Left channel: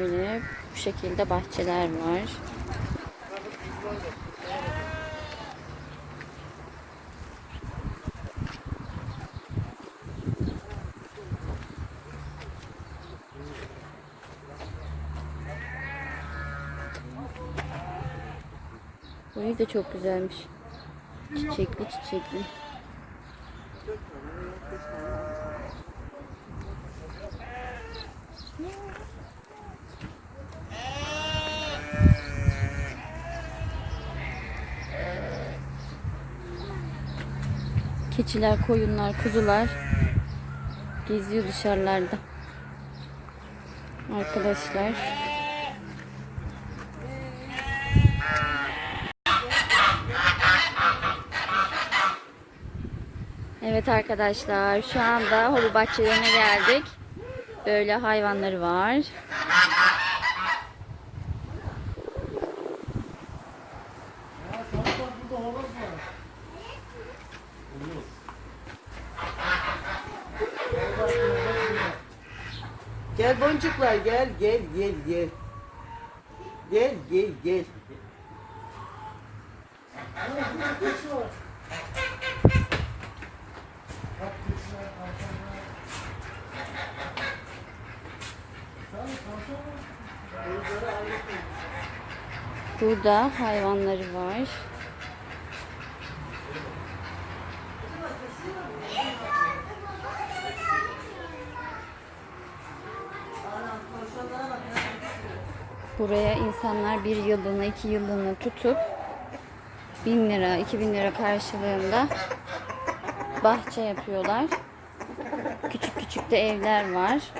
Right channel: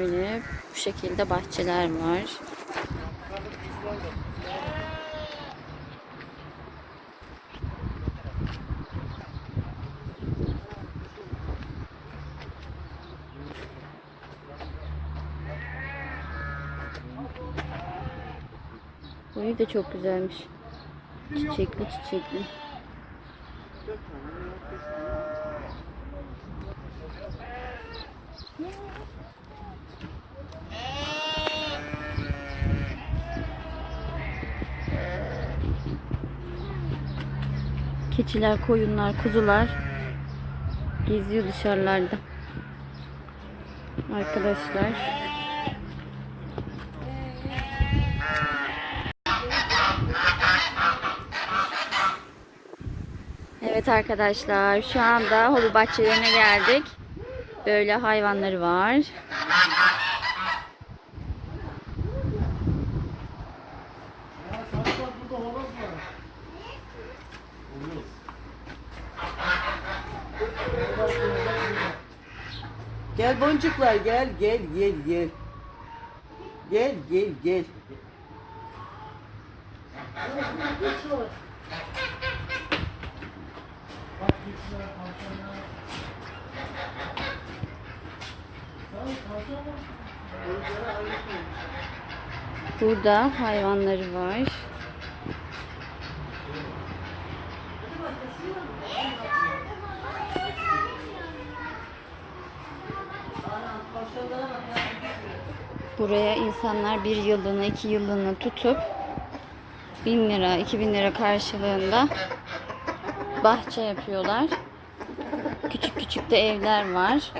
Böyle bu şekilde bahçeler var. Boyu da çok güzelmiş. Çiçekli çiçekli. Keçiler, koyunlar, kuzular geziyor dışarılarda. Arkadaşlar. Evet arkadaşlar şu anda hobi bahçelerine geldik. Böyle hayvanları var. Gel boncuklar gel gel gel gel. Gel gel gel. Burada hayvanları var. Buraya insanlar bir yıllığına, iki yıllığına tutup bin lira, iki bin lira karşılığında bahçe yapıyorlar. Küçük küçük de evler var.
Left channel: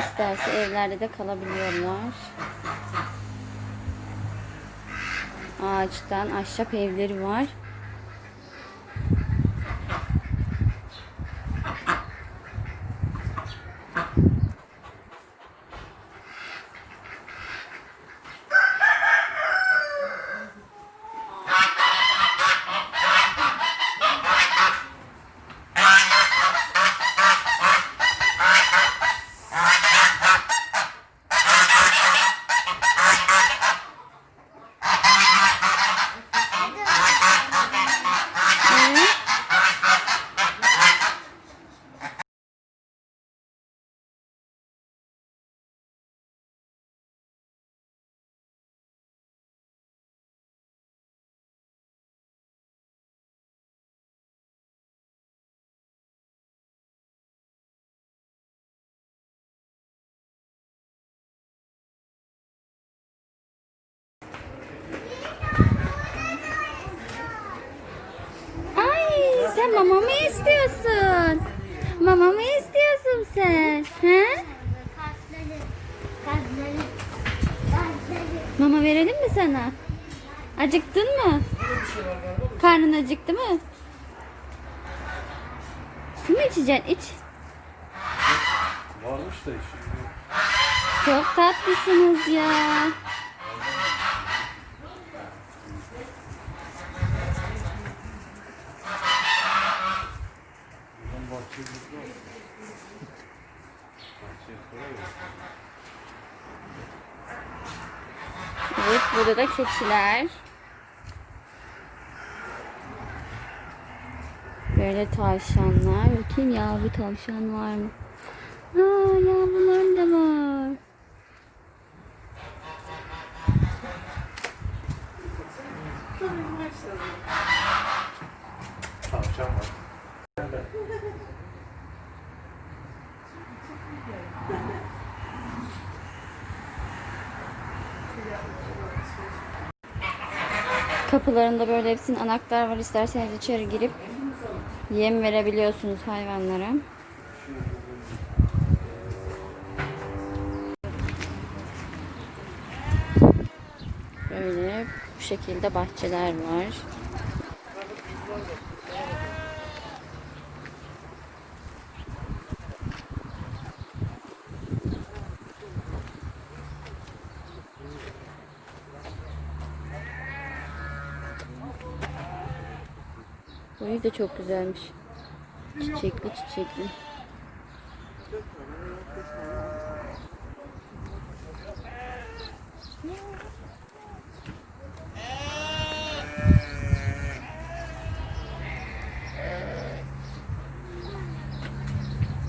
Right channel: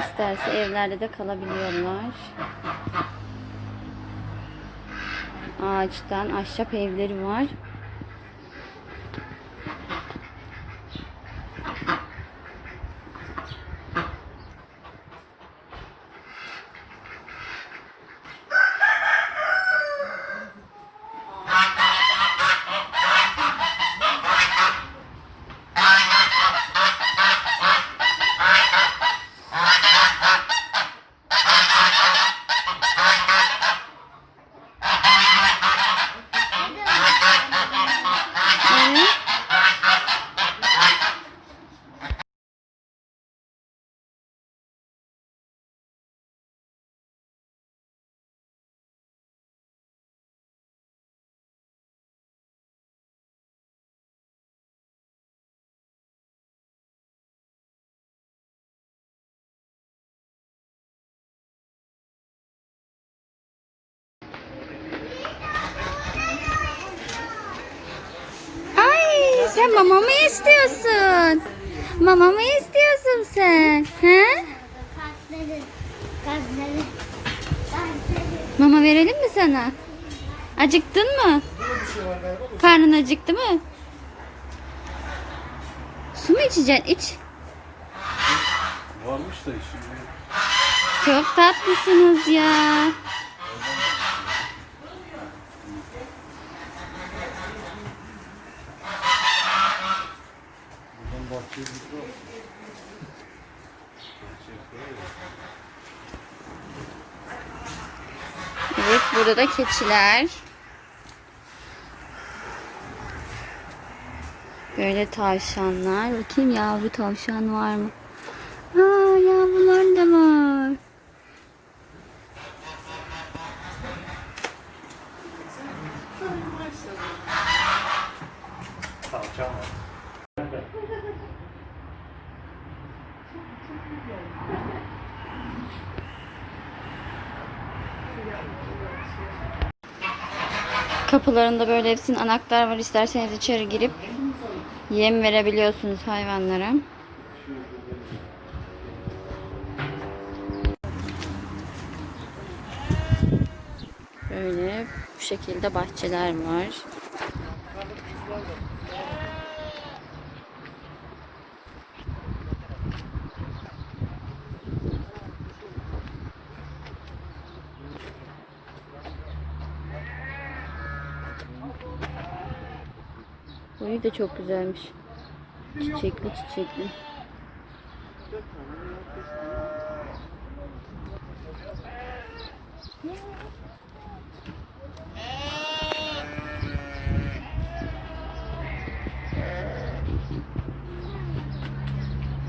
İsterse evlerde de kalabiliyorlar. Ağaçtan ahşap evleri var. Evet. Ay sen mama mı istiyorsun? Mama mı istiyorsun sen? He? Mama verelim mi sana? Acıktın mı? Karnın acıktı mı? Su mu içeceksin? İç. Varmış da şimdi Çok tatlısınız ya. Burada da keçiler. Böyle tavşanlar. Bakayım yavru tavşan var mı? Aa yavrular da var. Tavşan var. Kapılarında böyle hepsinin anahtar var. İsterseniz içeri girip yem verebiliyorsunuz hayvanlara. Böyle bu şekilde bahçeler var. Suyu da çok güzelmiş. Çiçekli çiçekli.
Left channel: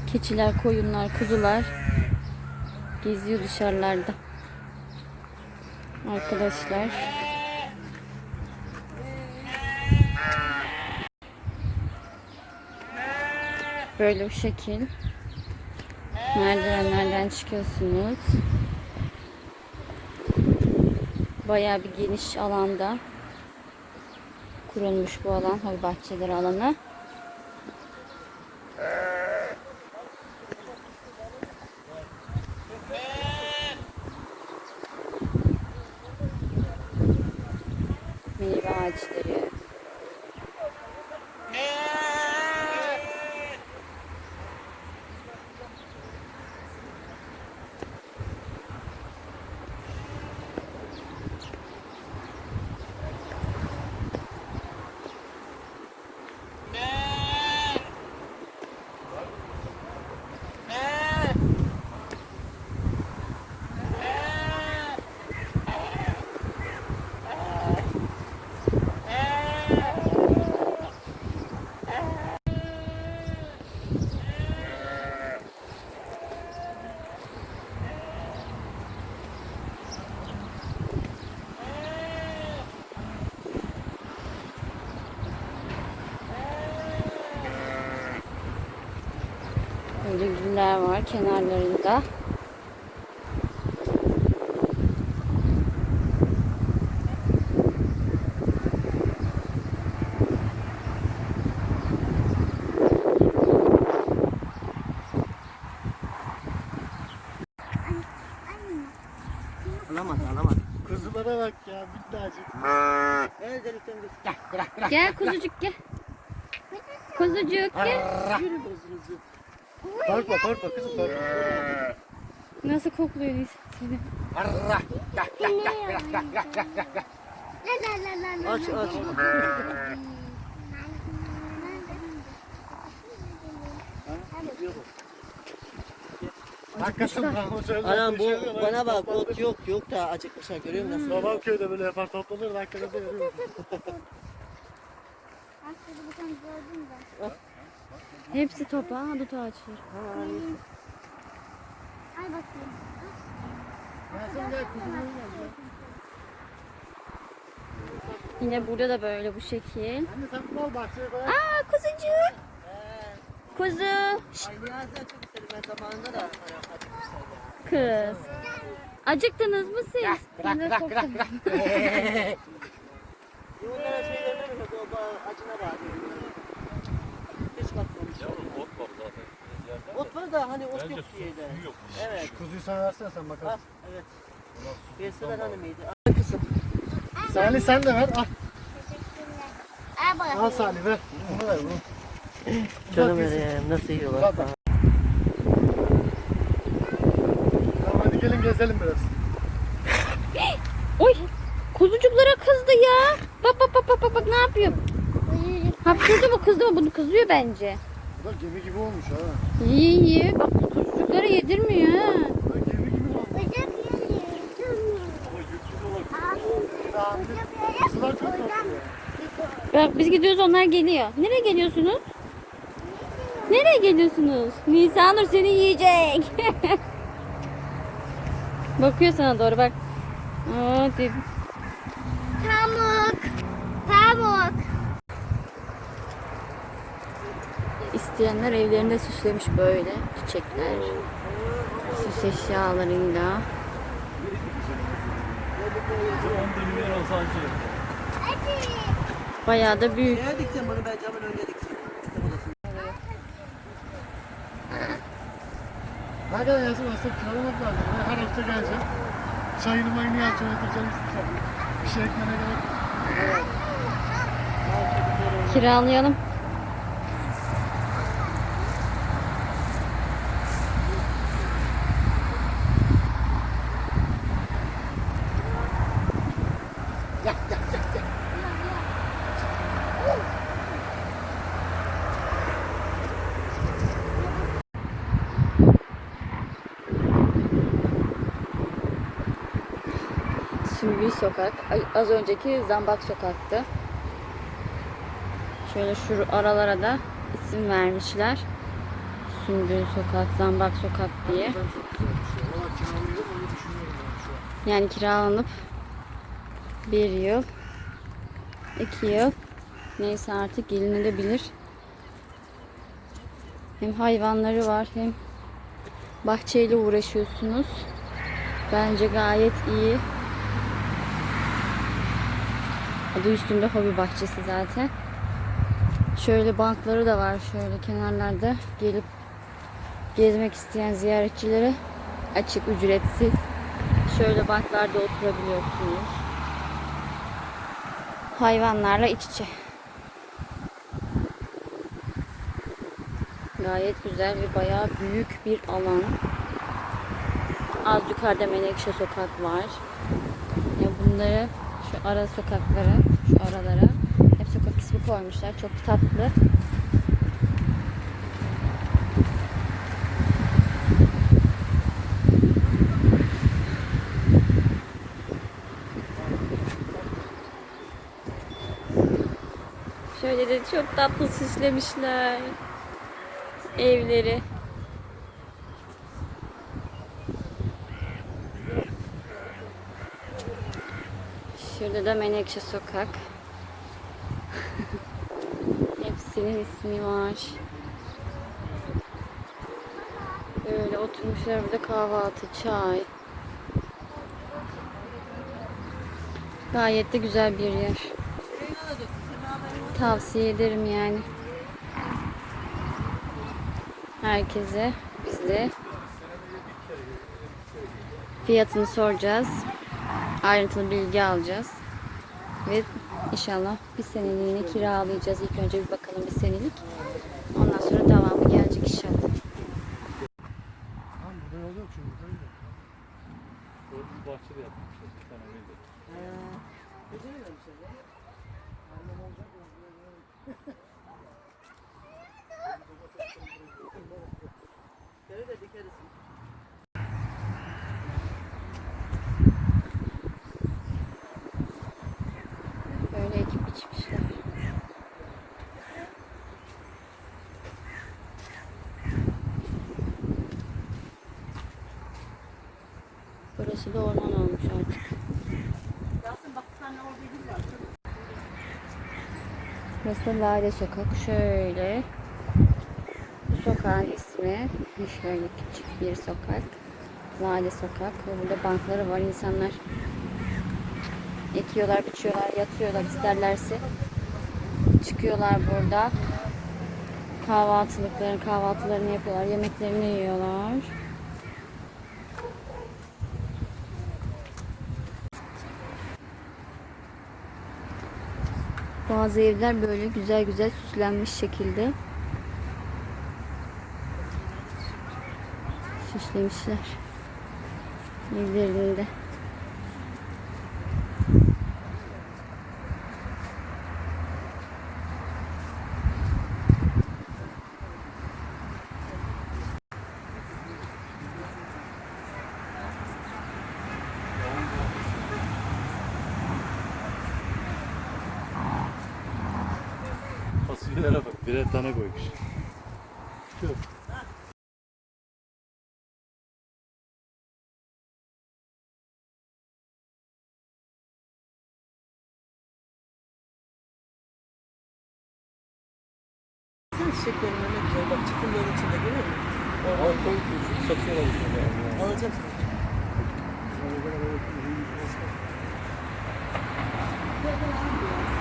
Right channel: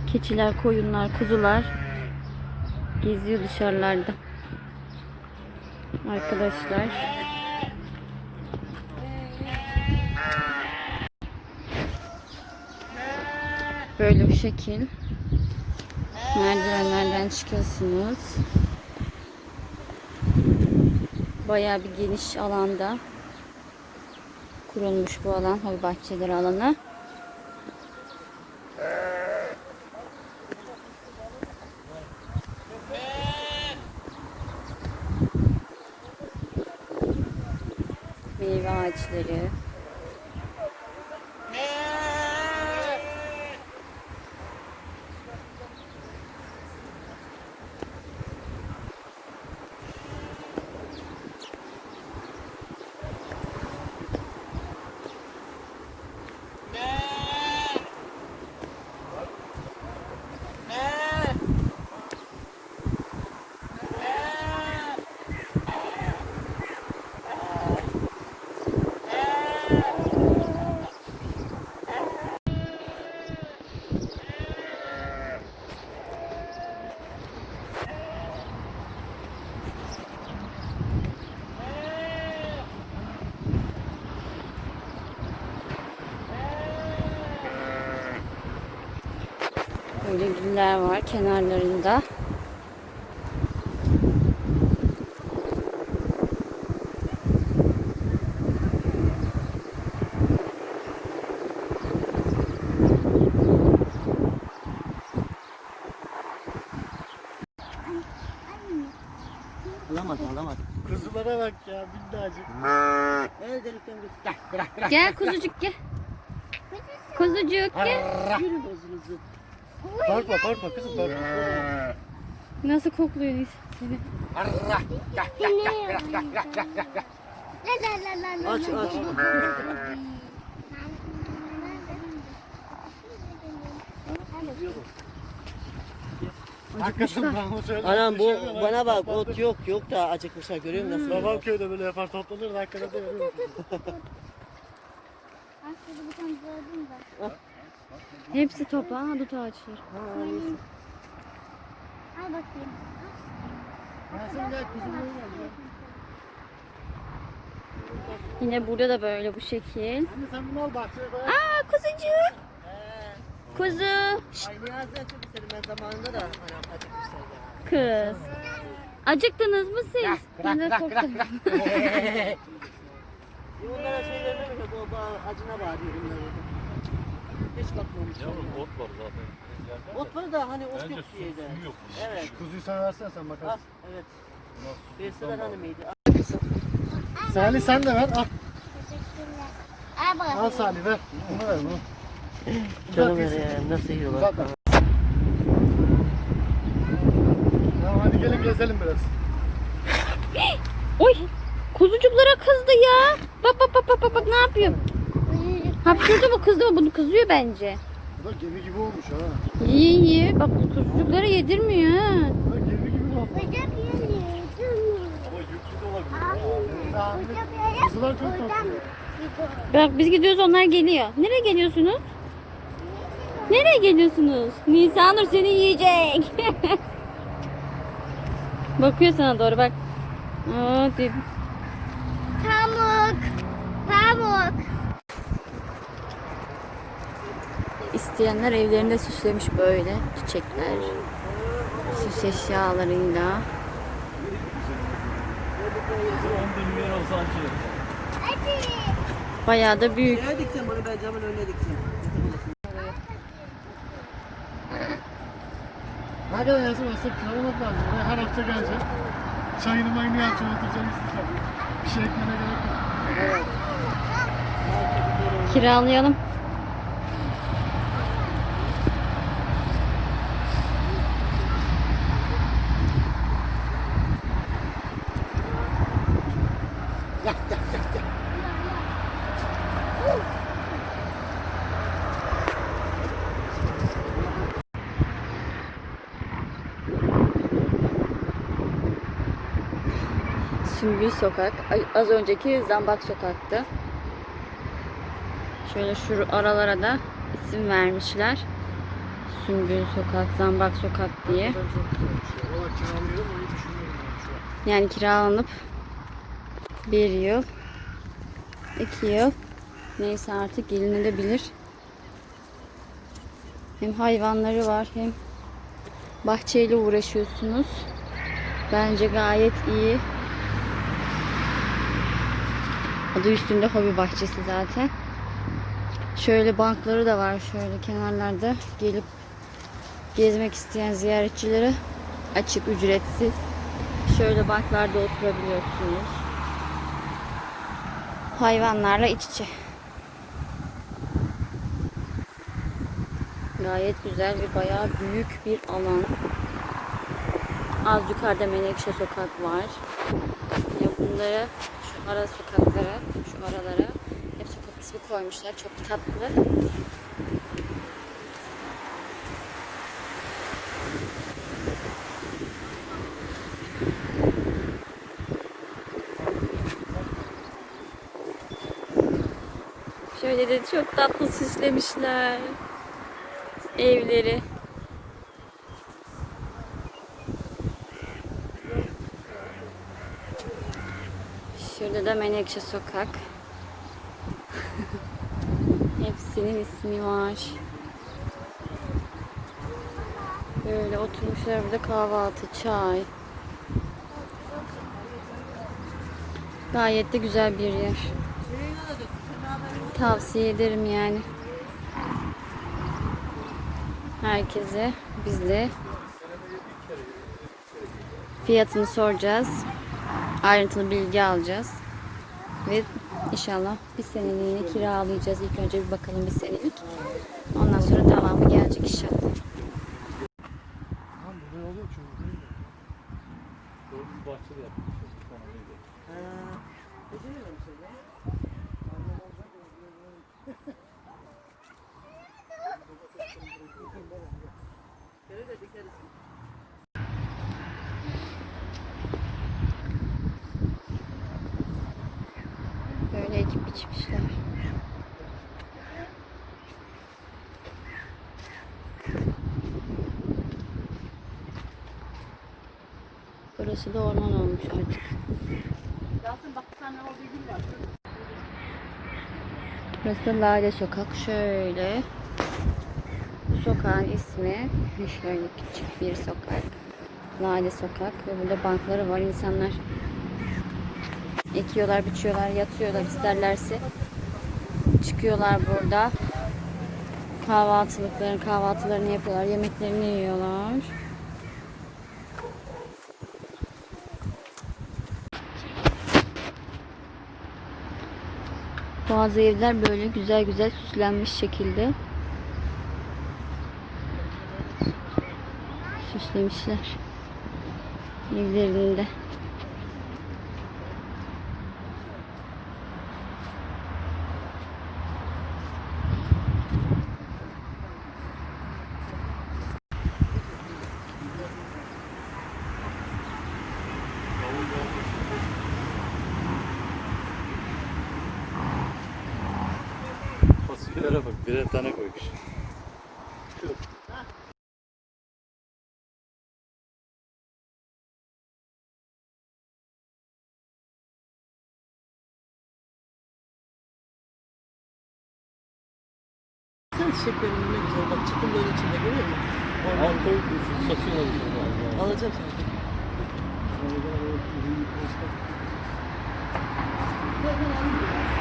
Keçiler, koyunlar, kuzular geziyor dışarılarda. Arkadaşlar. Böyle bir şekil. Merdivenlerden çıkıyorsunuz. Bayağı bir geniş alanda kurulmuş bu alan. Hobi bahçeleri alanı. Meyve ağaçları. Böyle güller var kenarlarında. Alamadı alamadı. Kuzulara bak ya git. Gel bırak bırak. Gel kuzucuk gel. Kuzucuk gel. Yürü. Korkma korkma kızım korkma. Nasıl kokluyor seni? Aç aç. Acıkmışlar. Anam bu bana bak ot yok yok da acıkmışlar görüyor musun? nasıl? Yalan köyde böyle yapar toplanır arkada da öyle. Aslında bir tane gördüm ben. Hepsi topa, dut ağaçları. Al bakayım. Yine burada da böyle bu şekil. Aa kuzucuk. Kuzu. Şşt, kız. Acıktınız mı siz? Ben de çok bırak şey. Ot var da hani ot yok diye de. Evet. Kuzuyu sana versene sen Al, bakarsın. evet. Ver hanımıydı. Salih sen de ver al. Teşekkürler. Al Salih ver. Bunu ver bunu. Canım benim nasıl yiyorlar. Uzat hadi gelin gezelim biraz. Oy! Kuzucuklara kızdı ya. Bak bak bak bak bak, bak ne yapıyor? Hapşırdı mı kızdı mı? Bunu kızıyor bence. Bu da gemi gibi olmuş ha. İyi iyi. Bak kuzucuklara yedirmiyor ha. Bak biz gidiyoruz onlar geliyor. Nereye geliyorsunuz? Nereye geliyorsunuz? Nisanur seni yiyecek. Bakıyor sana doğru bak. Aa, İsteyenler evlerinde süslemiş böyle çiçekler. Süs eşyalarıyla. Bayağı da büyük. Nereye diktin bunu ben camın önüne diktim. Ne kadar yazın aslında kullanmak lazım. Yani her hafta gelecek. Çayını meyini yapacağım, oturacağım, sıcak. Bir şey ekmene gerek yok. Kiralayalım. Sümbül Sokak. Az önceki Zambak Sokak'tı. Şöyle şu aralara da isim vermişler. Sümbül Sokak, Zambak Sokak diye. Yani kiralanıp bir yıl, iki yıl neyse artık gelinebilir. Hem hayvanları var hem bahçeyle uğraşıyorsunuz. Bence gayet iyi. Adı üstünde hobi bahçesi zaten. Şöyle bankları da var şöyle kenarlarda gelip gezmek isteyen ziyaretçilere açık ücretsiz. Şöyle banklarda oturabiliyorsunuz. Hayvanlarla iç içe. Gayet güzel ve bayağı büyük bir alan. Az yukarıda Menekşe sokak var. Ya bunları şu ara sokakları, şu aralara hep sokak ismi koymuşlar. Çok tatlı. Şöyle de çok tatlı süslemişler. Evleri. Şurada da Menekşe Sokak. Hepsinin ismi var. Böyle oturmuşlar burada kahvaltı, çay. Gayet de güzel bir yer. Tavsiye ederim yani. Herkese biz de fiyatını soracağız. Ayrıntılı bilgi alacağız. Ve inşallah bir seneliğine kiralayacağız. İlk önce bir bakalım bir senelik. Ondan sonra devamı gelecek inşallah. Tamam burada olur çünkü. değil mi? Ha, biliyorum seni. Şöyle de dikeriz. Böyle ekip biçmişler. Burası da orman olmuş artık. Burası da Lale Sokak. Şöyle. Bu sokağın ismi şöyle küçük bir sokak. Lale Sokak ve burada bankları var. İnsanlar ekiyorlar, biçiyorlar, yatıyorlar isterlerse. Çıkıyorlar burada. Kahvaltılıklarını, kahvaltılarını yapıyorlar, yemeklerini yiyorlar. Bazı evler böyle güzel güzel süslenmiş şekilde. Süslemişler. Evlerinde. bak birer tane koymuş. Şurada. ne güzel. Bak çukurların içinde görüyor musun? Orman koyup satıyorlar. Alacak mısın? Alacak mısın?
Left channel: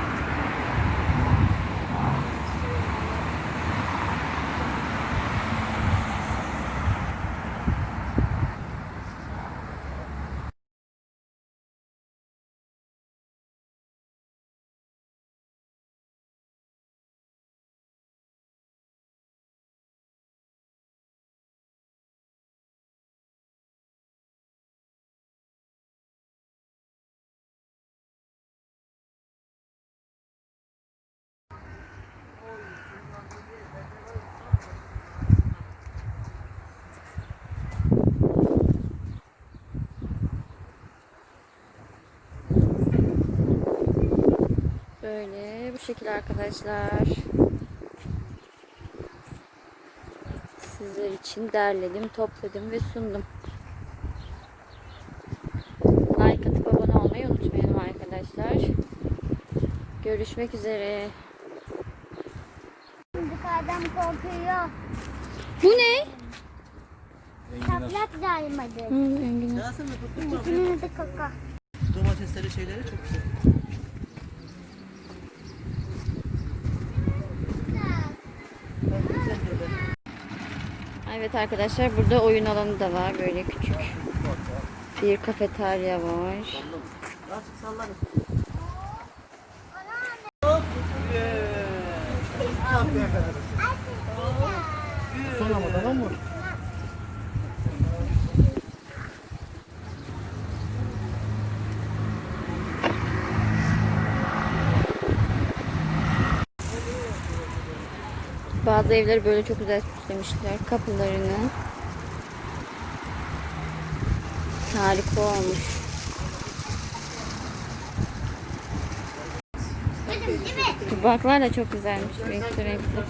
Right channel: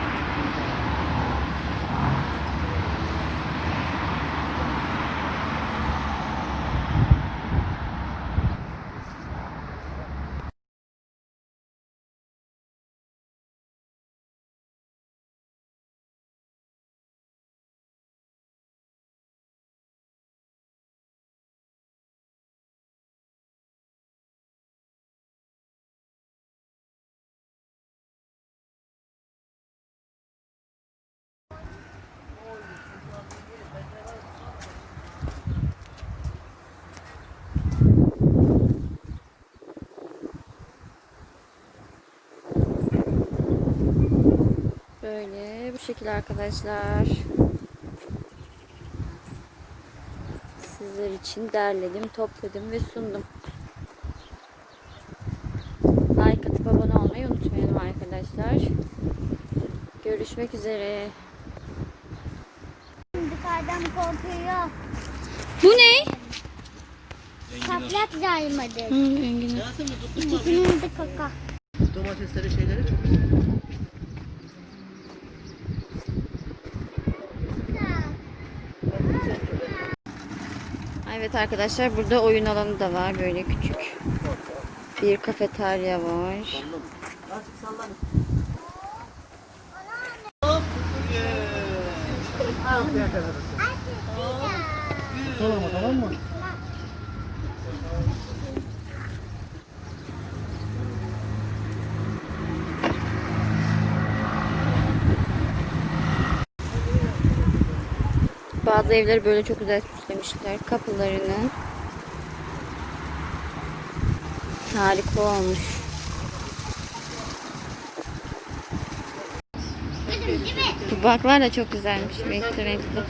Böyle bu şekilde arkadaşlar. Sizler için derledim, topladım ve sundum. Like atıp abone olmayı unutmayalım arkadaşlar. Görüşmek üzere. Korkuyor. Bu ne? Patlak yaymadı. Hı, enginar. İkisinin de kaka. Domatesleri şeyleri çok güzel. Evet arkadaşlar burada oyun alanı da var böyle küçük. Bir kafeterya var. Azıcık sallan. Son ama tamam mı? Bazı evleri böyle çok güzel süslemişler kapılarını. Harika olmuş. Bu baklar da çok güzelmiş renkli renkli.